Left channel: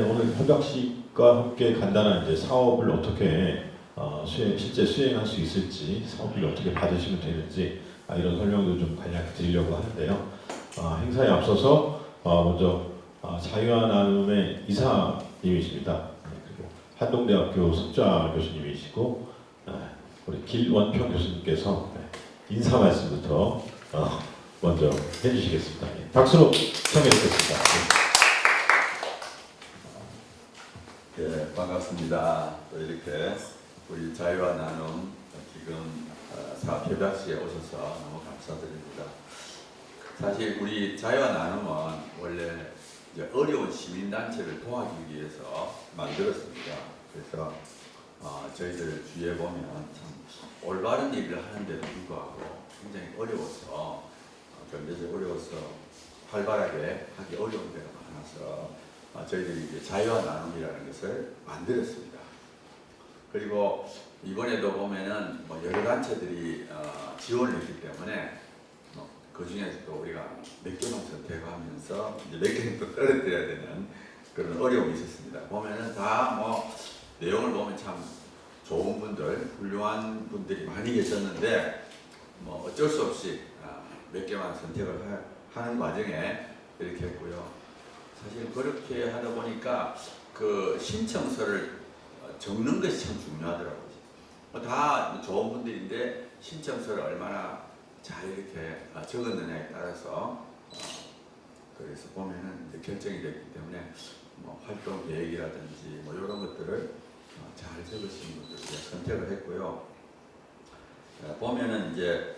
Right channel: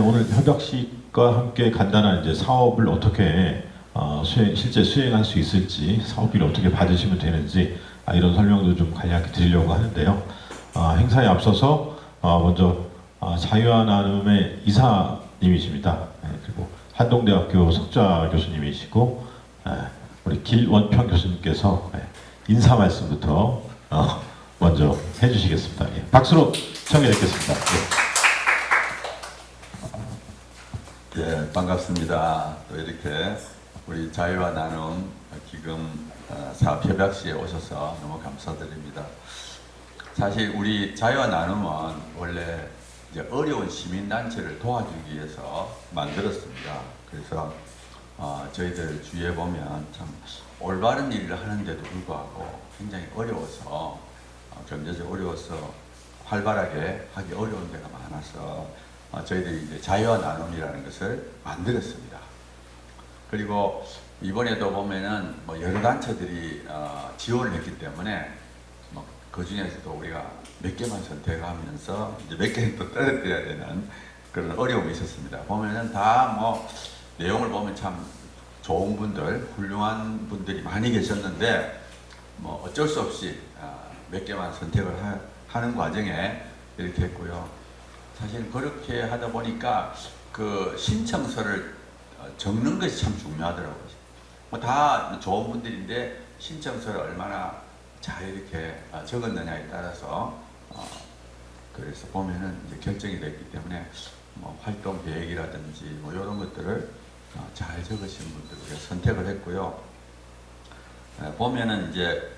오늘 협약식과 함께 간단한 이제 사업을 어떻게 실제 수행할 수 있을지, 사업비를 어떻게 받으시면 되는지 이런 설명도 좀 간략히 드리려고 하는데요. 행사에 앞서서 먼저 자유와 나눔의 이사님이십니다. 그리고 한동대학교 석좌 교수님이시고 우리 길원평 교수님께서 인사 말씀부터 먼저 해주시겠습니다. 박수로 청해 듣겠습니다. 예, 반갑습니다. 또 이렇게 우리 자유와 나눔 기금 사업협약시에 오셔서 너무 감사드립니다. 사실 우리 자유와 나눔은 원래 이제 어려운 시민단체를 도와주기 위해서 만들었습니다. 그래서 저희들 주위에 보면 참 올바른 일을 하는데도 불구하고 굉장히 어려워서 경제적으로 어려워서 활발하게 하기 어려운 데가 많아서 저희들이 이제 자유와 나눔이라는 것을 만들었습니다. 그리고 이번에도 보면은 여러 단체들이 지원을 했기 때문에 그 중에서도 우리가 몇 개만 선택하면서 이제 몇 개는 또 떨어뜨려야 되는 그런 어려움이 있었습니다. 보면은 다 내용을 보면 참 좋은 분들, 훌륭한 분들이 많이 계셨는데 어쩔 수 없이 몇 개만 선택을 하는 과정에 이렇게 했고요. 사실 그렇게 하다 보니까 그 신청서를 적는 것이 참 중요하더라고요. 다 좋은 분들인데 신청서를 얼마나 잘 이렇게 적었느냐에 따라서 그래서 보면은 이제 결정이 됐기 때문에 활동 계획이라든지 이런 것들을 잘 적으신 분들을 선택을 했고요. 보면은 이제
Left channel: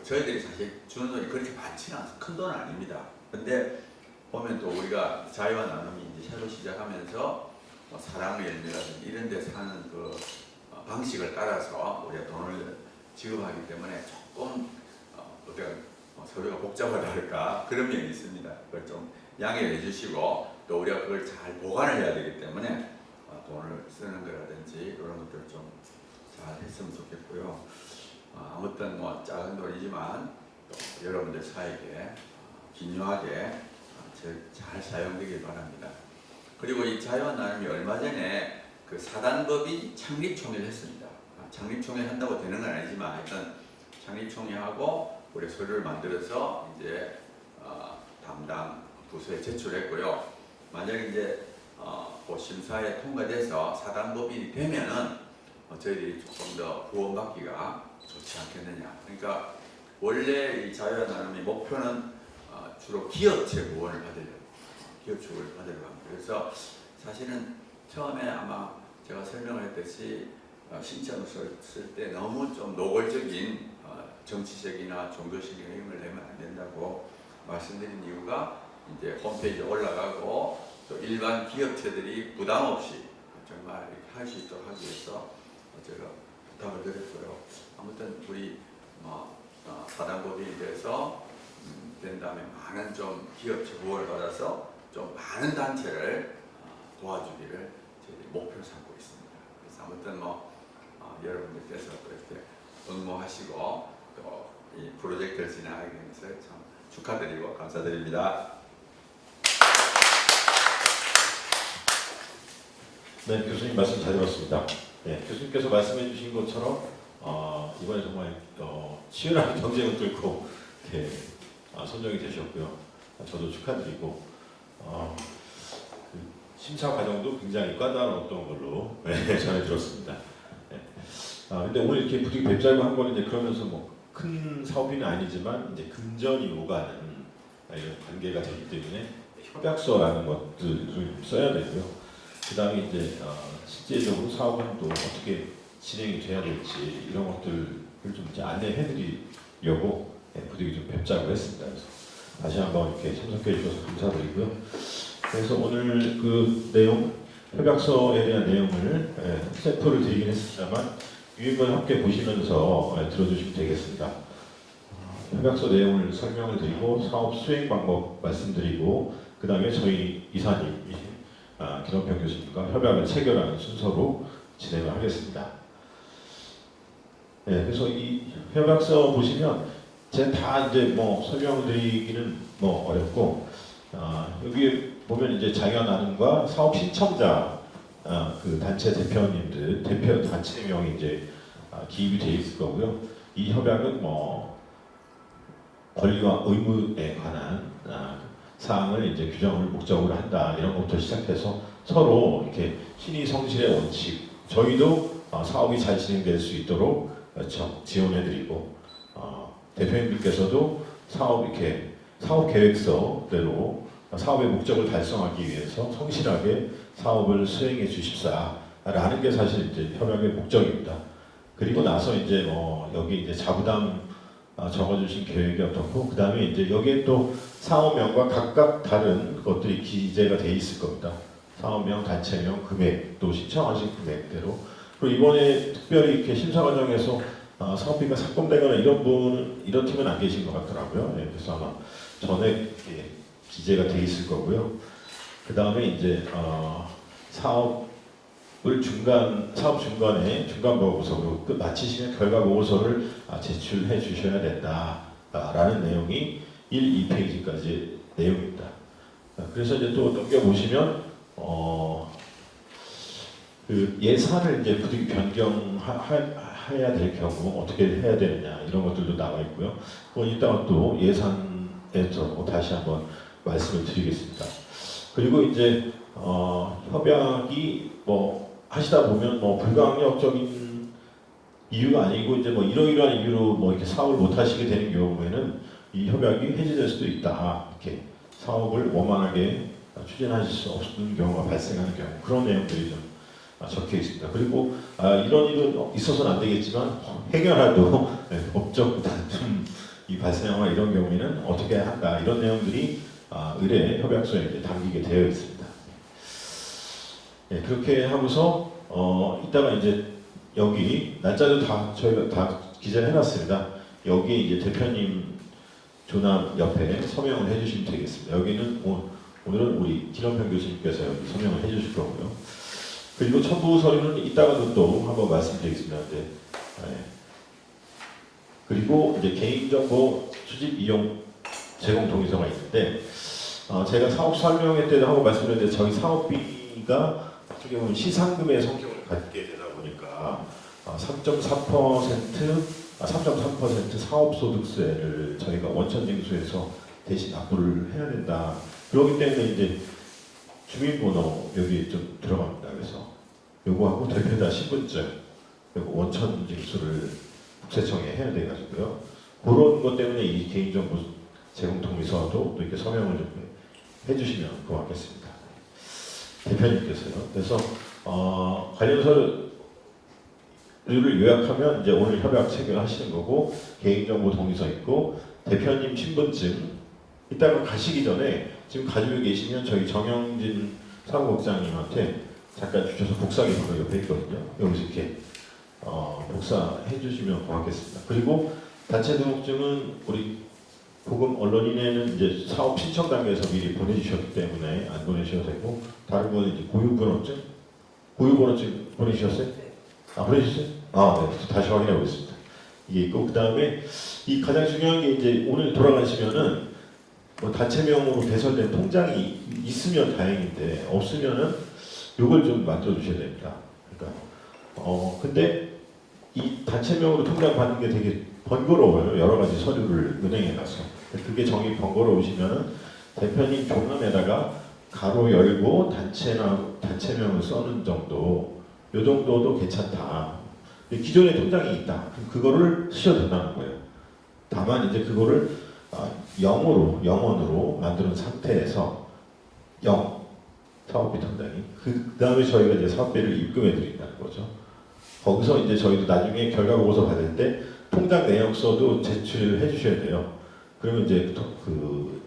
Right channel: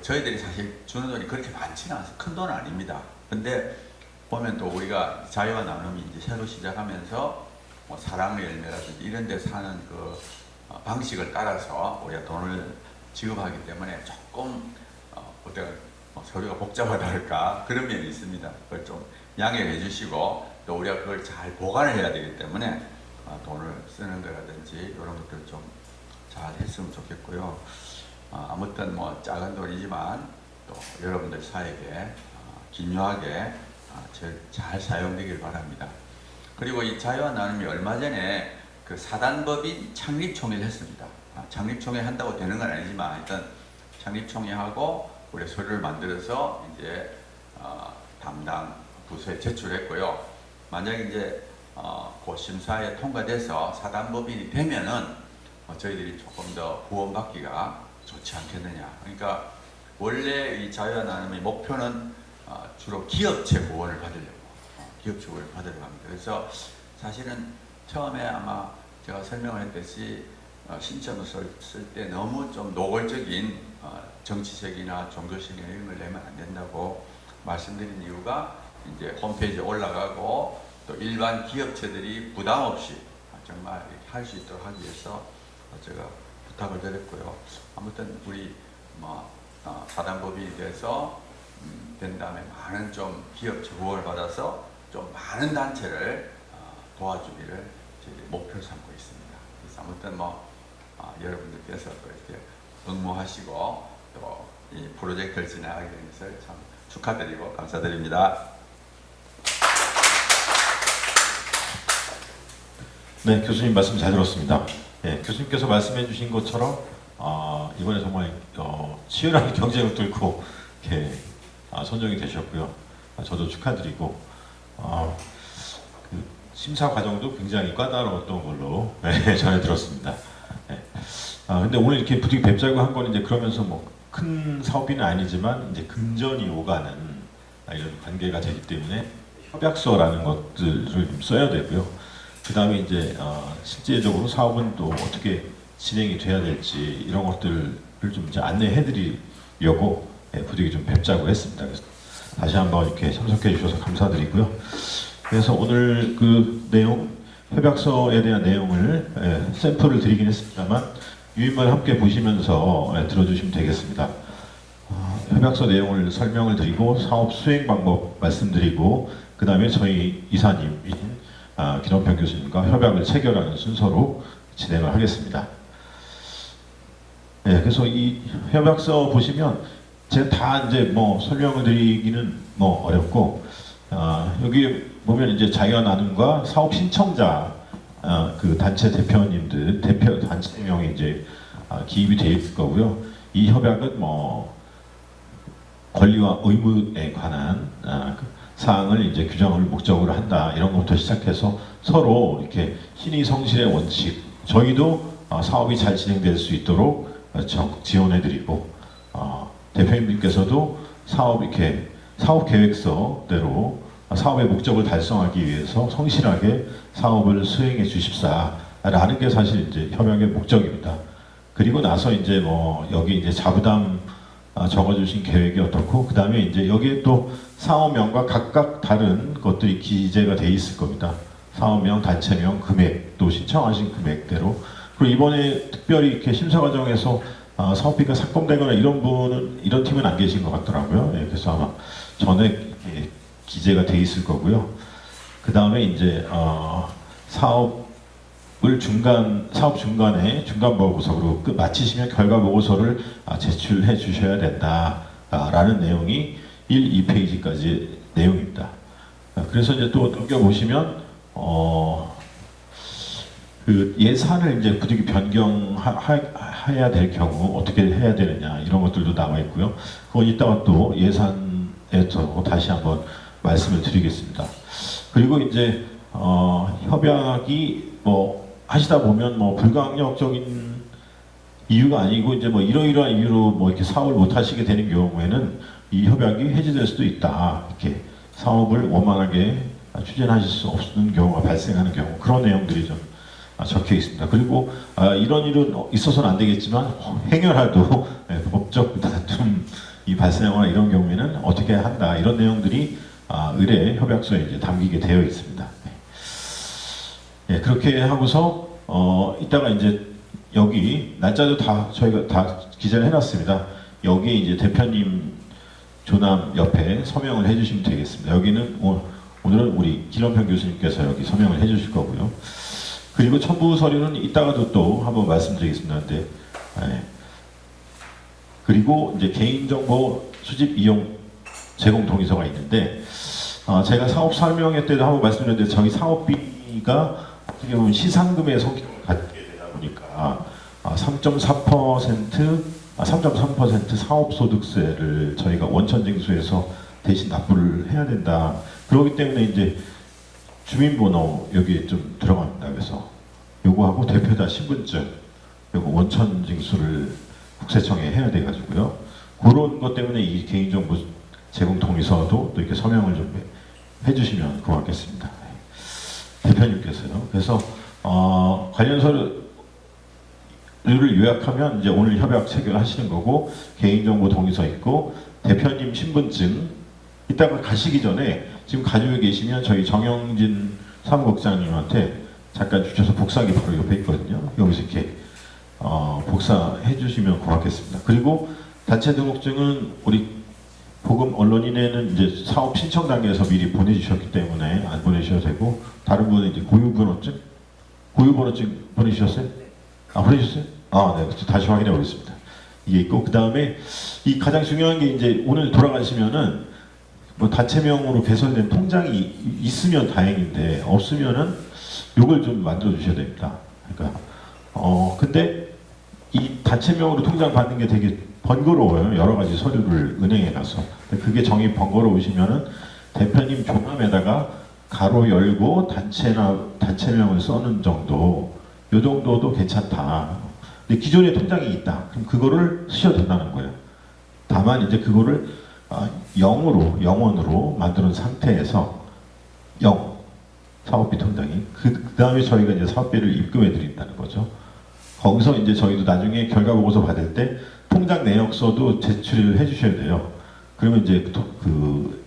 저희들이 사실 주는 돈이 그렇게 많지는 않아서 큰 돈은 아닙니다. 근데 보면 또 우리가 자유와 나눔이 이제 새로 시작하면서 사랑의 열매라든지 이런 데 사는 그 방식을 따라서 우리가 돈을 지급하기 때문에 조금 서류가 복잡하다 할까 그런 면이 있습니다. 그걸 좀 양해해 주시고 또 우리가 그걸 잘 보관을 해야 되기 때문에 돈을 쓰는 거라든지 이런 것들 좀 잘 했으면 좋겠고요. 아무튼 작은 돈이지만 또 여러분들 사이에 긴요하게 잘 사용되길 바랍니다. 그리고 이 자유와 나눔이 얼마 전에 그 사단법인 창립총회를 했습니다. 창립총회 한다고 되는 건 아니지만 일단 창립총회하고 우리 서류를 만들어서 이제 담당 부서에 제출했고요. 만약에 이제 그 심사에 통과돼서 사단법인이 되면은 저희들이 조금 더 구원받기가 좋지 않겠느냐. 그러니까 원래 이 자유와 나눔의 목표는 주로 기업체 구원을 받으려고 기업체 구원을 받으려고 합니다. 그래서 사실은 처음에 아마 제가 설명을 했듯이 신청서를 쓸 때 너무 좀 노골적인 정치적이나 종교적인 이런 걸 내면 안 된다고 말씀드린 이유가 이제 홈페이지에 올라가고 또 일반 기업체들이 부담 없이 정말 할 수 있도록 하기 위해서 제가 부탁을 드렸고요. 아무튼 우리 사단법인이 돼서 된 다음에 많은 좀 기업체 구원을 받아서 좀 많은 단체를 도와주기를 저희 목표로 삼고 있습니다. 그래서 아무튼 여러분들께서 이렇게 응모하시고 또 이 프로젝트를 진행하게 된 것을 참 축하드리고 감사드립니다. 네, 교수님 말씀 잘 들었습니다. 교수님께서 말씀해 주신 것처럼 이번에 정말 치열한 경쟁을 뚫고 이렇게 선정이 되셨고요. 저도 축하드리고 그 심사 과정도 굉장히 까다로웠던 걸로 전해 들었습니다. 근데 오늘 이렇게 부득이 뵙자고 한 건 이제 그러면서 큰 사업비는 아니지만 이제 금전이 오가는 이런 관계가 되기 때문에 협약서라는 것들을 좀 써야 되고요. 그 다음에 이제 실제적으로 사업은 또 어떻게 진행이 돼야 될지 이런 것들을 좀 이제 안내해 드리려고 부득이 좀 뵙자고 했습니다. 그래서 다시 한번 이렇게 참석해 주셔서 감사드리고요. 그래서 오늘 그 내용, 협약서에 대한 내용을 샘플을 드리긴 했습니다만 유인만 함께 보시면서 들어주시면 되겠습니다. 협약서 내용을 설명을 드리고 사업 수행 방법 말씀드리고 그 다음에 저희 이사님인 김원평 교수님과 협약을 체결하는 순서로 진행을 하겠습니다. 그래서 이 협약서 보시면 제가 다 이제 설명을 드리기는 어렵고 여기 보면 이제 자기와 나눔과 사업 신청자 그 단체 대표님들 대표 단체 명이 이제 기입이 되어 있을 거고요. 이 협약은 뭐 권리와 의무에 관한 그 사항을 이제 규정을 목적으로 한다 이런 것부터 시작해서 서로 이렇게 신의 성실의 원칙 저희도 사업이 잘 진행될 수 있도록 적극 지원해드리고 대표님들께서도 사업 이렇게 사업 계획서대로 사업의 목적을 달성하기 위해서 성실하게 사업을 수행해 주십사라는 게 사실 이제 협약의 목적입니다. 그리고 나서 이제 뭐 여기 이제 자부담 적어주신 계획이 어떻고 그 다음에 이제 여기에 또 사업명과 각각 다른 것들이 기재가 돼 있을 겁니다. 사업명, 단체명, 금액 또 신청하신 금액대로 그리고 이번에 특별히 이렇게 심사 과정에서 사업비가 삭감되거나 이런 분은 이런 팀은 안 계신 것 같더라고요. 네, 그래서 아마 전에 기재가 돼 있을 거고요. 그 다음에 이제 사업 중간에 중간 보고서로 마치시면 결과 보고서를 제출해 주셔야 된다라는 내용이 1, 2페이지까지 내용입니다. 그래서 이제 또 넘겨 보시면 그 예산을 이제 부득이 변경해야 될 경우 어떻게 해야 되느냐 이런 것들도 나와 있고요. 그건 이따가 또 예산에서 다시 한번 말씀을 드리겠습니다. 그리고 이제 협약이 뭐 하시다 보면 뭐 불가항력적인 이유가 아니고 이제 뭐 이러이러한 이유로 뭐 이렇게 사업을 못 하시게 되는 경우에는 이 협약이 해지될 수도 있다. 이렇게 사업을 원만하게 추진하실 수 없는 경우가 발생하는 경우 그런 내용들이 좀 적혀 있습니다. 그리고 이런 일은 있어서는 안 되겠지만 행여라도 법적 다툼이 발생하거나 이런 경우에는 어떻게 한다 이런 내용들이 의뢰 협약서에 이제 담기게 되어 있습니다. 예, 그렇게 하고서 이따가 이제 여기 날짜도 다 저희가 다 기재를 해놨습니다. 여기 이제 대표님 조남 옆에 서명을 해주시면 되겠습니다. 여기는 오늘은 우리 김원평 교수님께서 여기 서명을 해주실 거고요. 그리고 첨부 서류는 이따가도 또 한번 말씀드리겠습니다. 네. 그리고 이제 개인정보 수집 이용 제공 동의서가 있는데 제가 사업 설명회 때도 한번 말씀드렸는데 저희 사업비가 어떻게 보면 시상금의 성격을 갖게 되다 보니까 3.3% 사업소득세를 저희가 원천징수에서 대신 납부를 해야 된다. 그렇기 때문에 이제 주민번호 여기 좀 들어갑니다. 그래서 요거하고 대표자 신분증 요거 원천징수를 국세청에 해야 돼가지고요. 그런 것 때문에 이 개인정보 제공 동의서도 또 이렇게 서명을 좀 해주시면 고맙겠습니다. 대표님께서요. 그래서 관련 서류를 요약하면 이제 오늘 협약 체결하시는 거고 개인정보 동의서 있고 대표님 신분증 이따가 가시기 전에 지금 가지고 계시면 저희 정영진 사무국장님한테 잠깐 주셔서 복사기 바로 옆에 있거든요. 여기서 이렇게 복사해 주시면 고맙겠습니다. 그리고 단체 등록증은 우리 보금 언론인에는 이제 사업 신청 단계에서 미리 보내주셨기 때문에 안 보내셔도 되고 다른 분은 이제 고유번호증 보내주셨어요? 보내주셨어요? 네. 다시 확인해 보겠습니다. 이게 있고 그 다음에 이 가장 중요한 게 이제 오늘 돌아가시면은 뭐 단체명으로 개설된 통장이 있으면 다행인데 없으면은 요걸 좀 만들어 주셔야 됩니다. 그러니까 근데 이 단체명으로 통장 받는 게 되게 번거로워요. 여러 가지 서류를 은행에 가서. 그게 정이 번거로우시면은 대표님 조감에다가 가로 열고 단체명을 써는 정도, 요 정도도 괜찮다. 근데 기존에 통장이 있다. 그럼 그거를 쓰셔도 된다는 거예요. 다만 이제 그거를 영원으로 만드는 상태에서 사업비 통장이 그 다음에 저희가 이제 사업비를 입금해 드린다는 거죠. 거기서 이제 저희도 나중에 결과 보고서 받을 때 통장 내역서도 제출을 해주셔야 돼요. 그러면 이제 그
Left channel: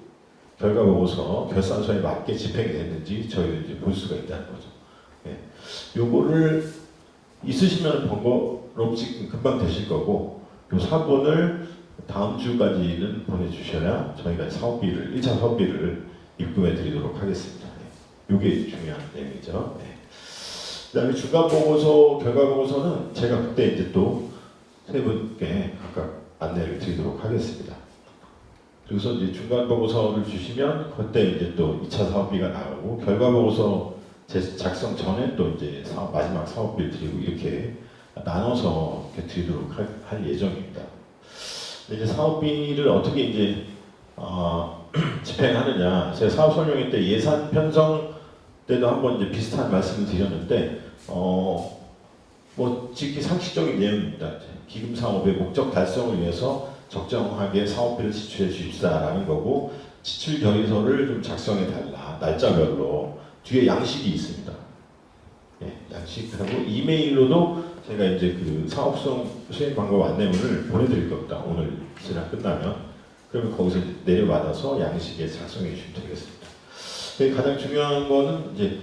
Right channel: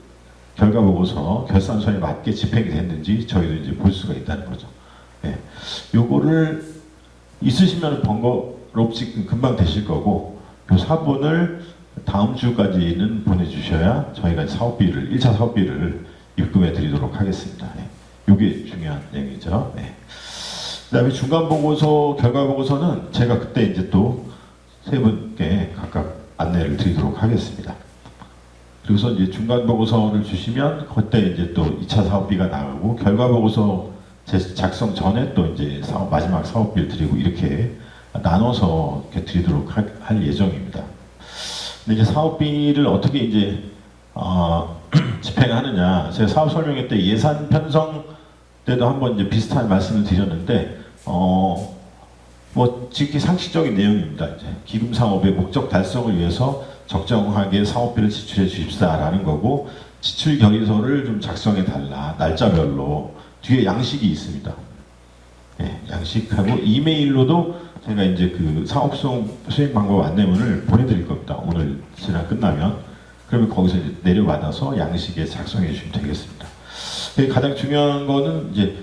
결과 보고서 결산서에 맞게 집행이 됐는지 저희도 이제 볼 수가 있다는 거죠. 예. 요거를 있으시면 번거롭지 금방 되실 거고 요 사본을 다음 주까지는 보내주셔야 저희가 1차 사업비를 입금해 드리도록 하겠습니다. 예. 요게 중요한 내용이죠. 예. 그 다음에 중간 보고서, 결과 보고서는 제가 그때 이제 또 세 분께 각각 안내를 드리도록 하겠습니다. 그래서 이제 중간 보고서를 주시면 그때 이제 또 2차 사업비가 나가고 결과 보고서 작성 전에 또 이제 마지막 사업비를 드리고 이렇게 나눠서 이렇게 드리도록 할 예정입니다. 근데 이제 사업비를 어떻게 이제 집행하느냐, 제가 사업 설명회 때 예산 편성 때도 한번 이제 비슷한 말씀을 드렸는데 뭐 지극히 상식적인 내용입니다. 이제 기금 사업의 목적 달성을 위해서 적정하게 사업비를 지출해 주십사라는 거고, 지출 결의서를 좀 작성해 달라, 날짜별로. 뒤에 양식이 있습니다. 예, 양식하고 이메일로도 제가 이제 그 사업성 수행 방법 안내문을 보내드릴 겁니다. 오늘 시간 끝나면. 그러면 거기서 이제 내려받아서 양식에 작성해 주시면 되겠습니다. 가장 중요한 거는 이제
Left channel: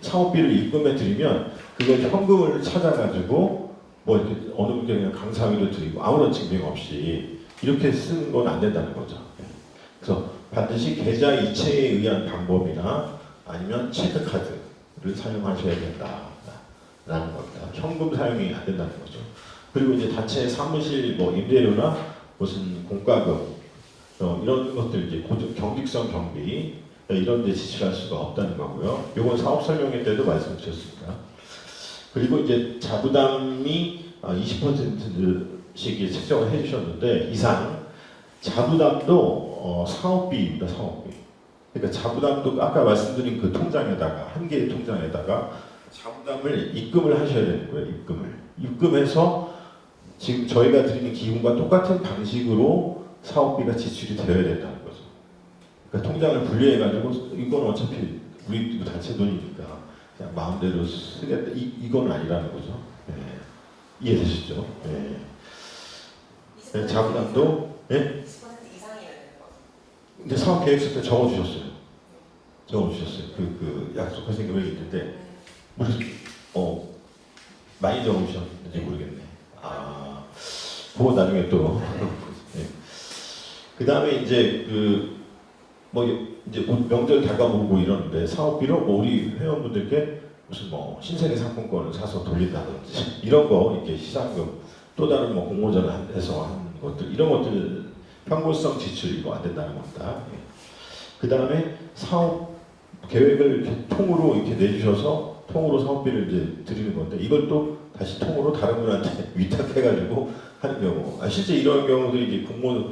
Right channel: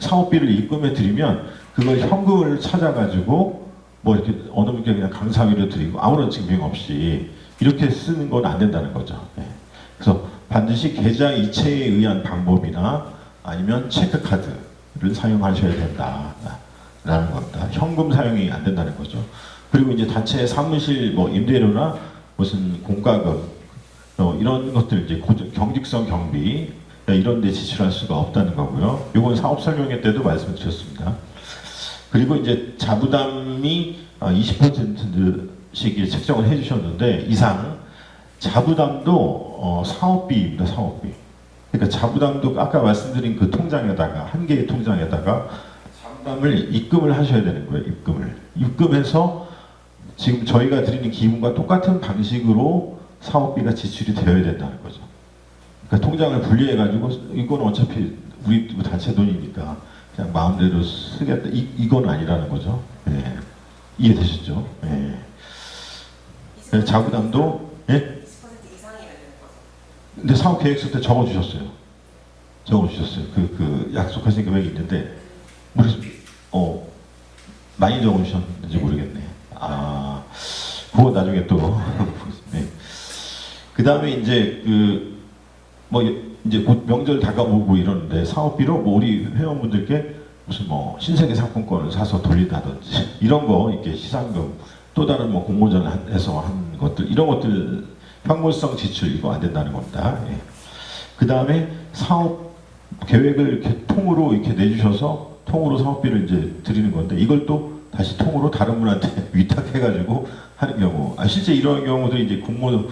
사업비를 입금해 드리면 그걸 현금을 찾아가지고 뭐 이렇게 어느 분께 그냥 감사비로 드리고 아무런 증빙 없이 이렇게 쓰는 건 안 된다는 거죠. 네. 그래서 반드시 계좌 이체에 의한 방법이나 아니면 체크카드를 사용하셔야 된다라는 겁니다. 현금 사용이 안 된다는 거죠. 그리고 이제 자체 사무실 뭐 임대료나 무슨 공과금 이런 것들 이제 경직성 경비 이런 데 지출할 수가 없다는 거고요. 이건 사업 설명회 때도 말씀드렸습니다. 그리고 이제 자부담이 20%씩 책정을 해주셨는데 이상 자부담도 사업비입니다. 사업비. 그러니까 자부담도 아까 말씀드린 그 통장에다가 한 개의 통장에다가 자부담을 입금을 하셔야 되는 거예요. 입금해서 지금 저희가 드리는 기금과 똑같은 방식으로 사업비가 지출이 되어야 된다는 거죠. 그러니까 통장을 분리해가지고 이건 어차피 우리 단체 돈이니까 그냥 마음대로 쓰겠다. 이건 아니라는 거죠. 네. 이해되시죠? 네. 네, 자부담도 예? 20% 이상이어야 되는 거죠. 근데 사업 계획서 때 적어주셨어요. 그 약속하신 금액이 있는데 많이 적어주셨는지 모르겠네. 그거 나중에 또. 네. 그 다음에 이제 이제 곧 명절 다가오고 이러는데 사업비로 뭐 우리 회원분들께 무슨 뭐 신세계 상품권을 사서 돌린다든지 이런 거 이렇게 시상금 또 다른 뭐 공모전에서 한 것들 이런 것들 현금성 지출 이거 안 된다는 겁니다. 예. 그 다음에 사업 계획을 이렇게 통으로 이렇게 내주셔서 통으로 사업비를 이제 드리는 건데 이걸 또 다시 통으로 다른 분한테 위탁해가지고 하는 경우 실제 이런 경우들이 이제 공모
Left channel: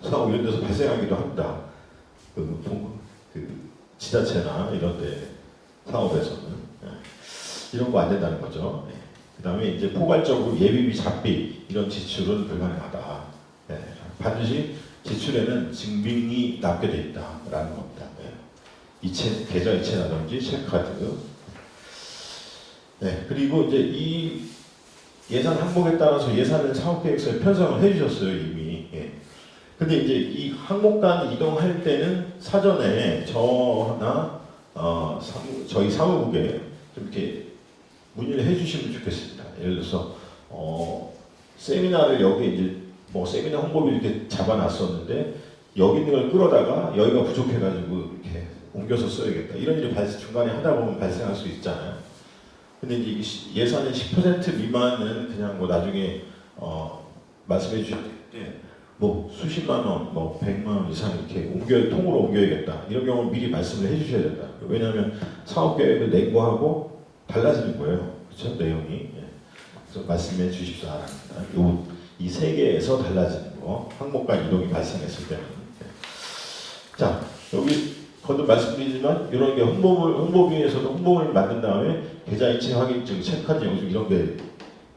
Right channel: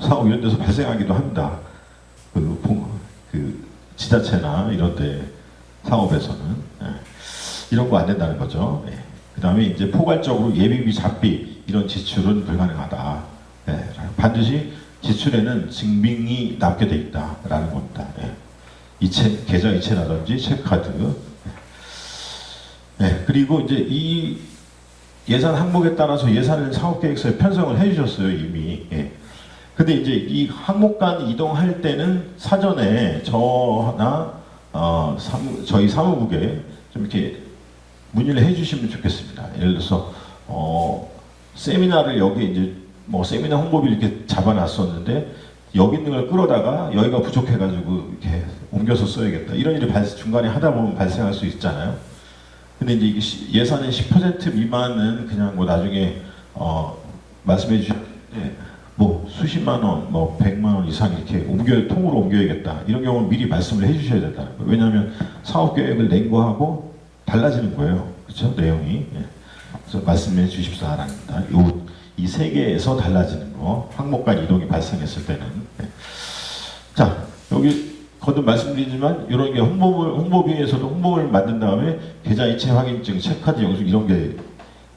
사업 이런 데서 발생하기도 합니다. 그 지자체나 이런 데 사업에서는 이런 거 안 된다는 거죠. 그 다음에 이제 포괄적으로 예비비, 잡비 이런 지출은 불가능하다. 반드시 지출에는 증빙이 남게 돼 있다라는 겁니다. 계좌 이체라든지 체크카드. 그리고 이제 이 예산 항목에 따라서 예산을 사업계획서에 편성을 해주셨어요 이미. 근데 이제 이 항목 간 이동할 때는 사전에 저나 저희 사무국에 좀 이렇게 문의를 해주시면 좋겠습니다. 예를 들어서 세미나를 여기 이제 뭐 세미나 홍보비 이렇게 잡아놨었는데 여기 있는 걸 끌어다가 여기가 부족해가지고 이렇게 옮겨서 써야겠다. 이런 일이 중간에 하다 보면 발생할 수 있잖아요. 근데 이제 이게 예산의 10% 미만은 그냥 뭐 나중에 말씀해 주셨는데 뭐 수십만 원, 뭐 100만 원 이상 이렇게 통으로 옮겨야겠다. 이런 경우는 미리 말씀을 해주셔야 된다는 거예요. 왜냐하면 사업 계획을 낸 거하고 달라지는 거예요. 그렇죠? 내용이. 그래서 말씀해 주십사랍니다. 이 세 개에서 달라지는 거, 항목 간 이동이 발생했을 때는. 자, 여기 거듭 말씀드리지만 이런 게 홍보비에서도 홍보를 만든 다음에 계좌 이체 확인증, 체크카드 영수증 이런 게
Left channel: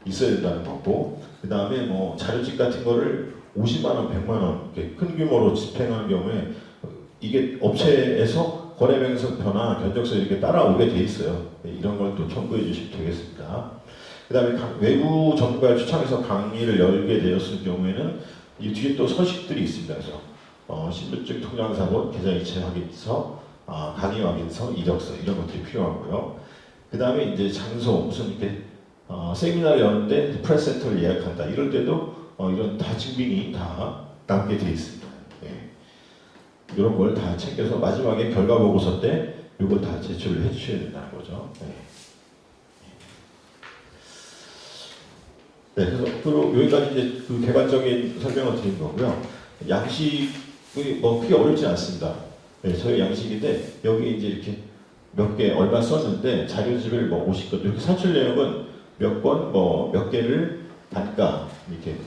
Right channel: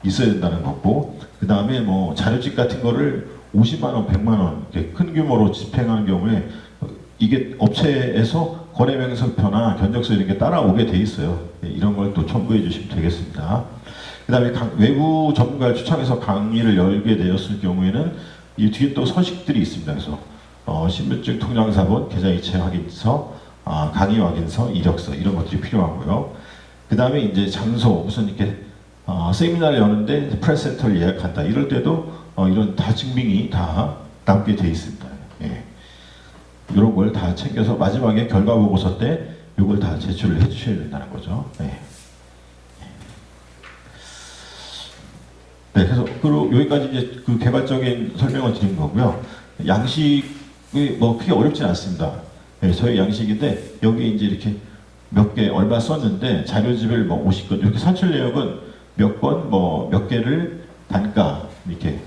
있어야 된다는 거고, 그 다음에 뭐 자료집 같은 거를 50만 원, 100만 원 이렇게 큰 규모로 집행한 경우에 이게 업체에서 거래명세서나 견적서 이렇게 따라오게 돼 있어요. 이런 걸 또 첨부해 주시면 되겠습니다. 그 다음에 외부 전문가를 초청해서 강의를 열게 되었을 경우에는 이 뒤에 또 서식들이 있습니다. 그래서 신분증, 통장사본, 계좌 이체 확인서, 강의 확인서, 이력서 이런 것들이 필요하고요. 그 다음에 이제 장소 무슨 이렇게 세미나를 여는데 프레스센터를 예약한다 이럴 때도 이런 다 증빙이 다 남게 돼 있습니다. 이런 걸 다 챙겨서 마지막에 결과 보고서 때 이걸 다 제출을 해주셔야 된다는 거죠. 그래서 그리고 여기까지 이제 그 개괄적인 설명을 드린 거고요. 양식은 이게 뭐 크게 어렵진 않습니다. 예, 저희 양식인데 여기 이제 이렇게 몇 개 얼마 썼는데 자료집을 뭐 50건 이렇게 산출 내역은 몇 건 뭐 몇 개를 단가 이렇게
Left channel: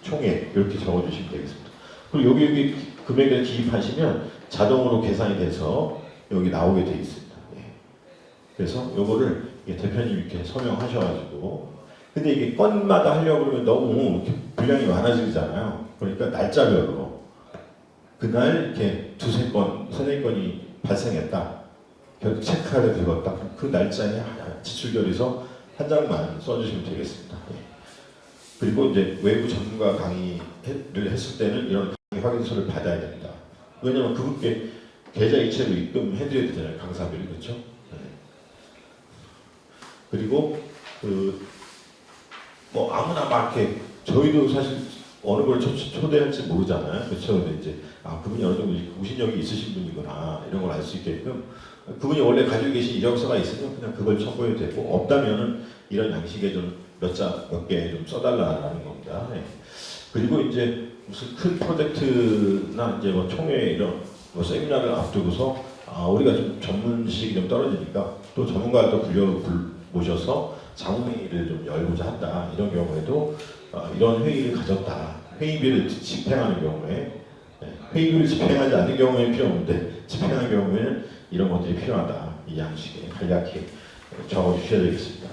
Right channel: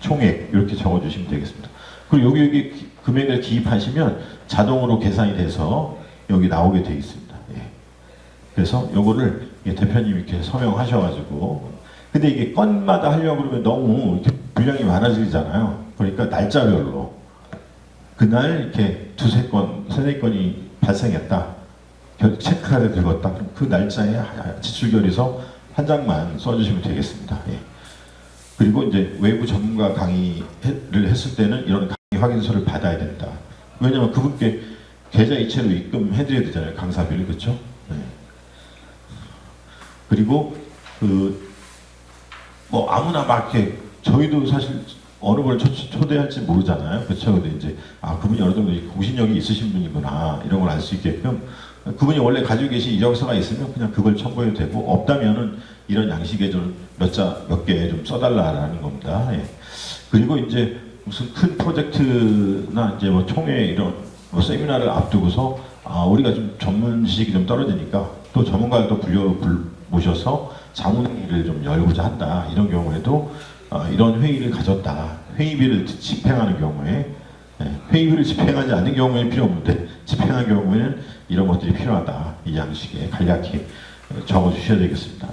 총액 이렇게 적어주시면 되겠습니다. 그리고 여기 금액을 기입하시면 자동으로 계산이 돼서 여기 나오게 되어 있습니다. 예. 그래서 요거를 대표님 이렇게 서명하셔가지고 근데 이게 건마다 하려고 그러면 너무 이렇게 분량이 많아지잖아요. 그러니까 날짜별로 그날 이렇게 두세 건, 세네 건이 발생했다. 체크하게 되었다. 그 날짜에 지출결의서 한 장만 써주시면 되겠습니다. 예. 그리고 이제 외부 전문가 강의를 했을 때는 이런 강의 확인서를 받아야 된다. 왜냐면 그분께 계좌 이체로 입금해드려야 되잖아요. 강사비를 그렇죠? 네. 그리고 뭐 아무나 막 이렇게 저희도 사실 어느 걸 초대할지 모르잖아요. 그렇죠? 근데 이제 그분이 어느 정도 공신력이 있으신 분이구나 이런 걸 알 수 있게끔 그분이 원래 가지고 계신 이력서가 있으면 그냥 그걸 첨부해도 되고 없다면은 이런 양식에 좀 몇 개 좀 써달라는 겁니다. 예. 그리고 이제 무슨 큰 프로젝트나 이제 뭐 총회 이런 뭐 세미나를 앞두고서 우리가 좀 전문 지식이 좀 떨어지니까 또 전문가도 모셔서 자문회의를 좀 열고자 한다. 이런 경우에도 이런 회의를 가졌다. 회의비를 집행하는 경우에 회의비를 집행하지 않는 경우에 필요 없는데 집행하는 경우에는 이런 것들이 필요하다. 이 양식에 간략히 적어주셔야 되겠습니다.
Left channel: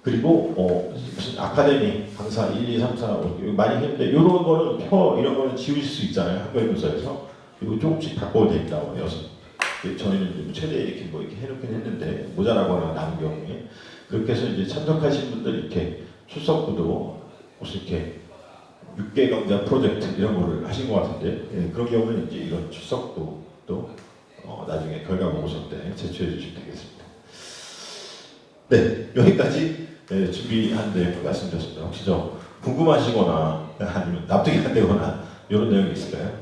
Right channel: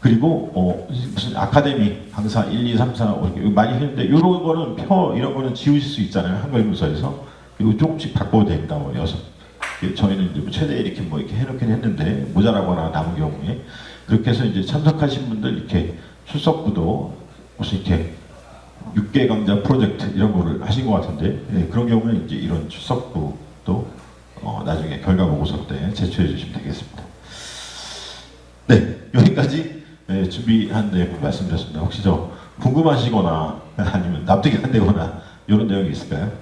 그리고 무슨 아카데미 강사 1, 2, 3, 4 많이 했는데 이런 거는 이런 거는 지우실 수 있잖아요. 한국인문서에서 이거 조금씩 바꿔도 된다고 해서 저희는 이제 최대 이렇게 뭐 이렇게 해놓긴 했는데 모자라거나 남은 경우에 그렇게 해서 이제 참석하신 분들 이렇게 출석부도 무슨 이렇게 6개 강좌 프로젝트 이런 거를 하신 것 같은데 그런 경우는 이제 이런 출석부도 나중에 결과 보고서 때 제출해 주시면 되겠습니다. 네, 여기까지 준비한 내용 말씀드렸습니다. 혹시 궁금하시거나 아니면 납득이 안 되거나 이런 내용이 있을까요?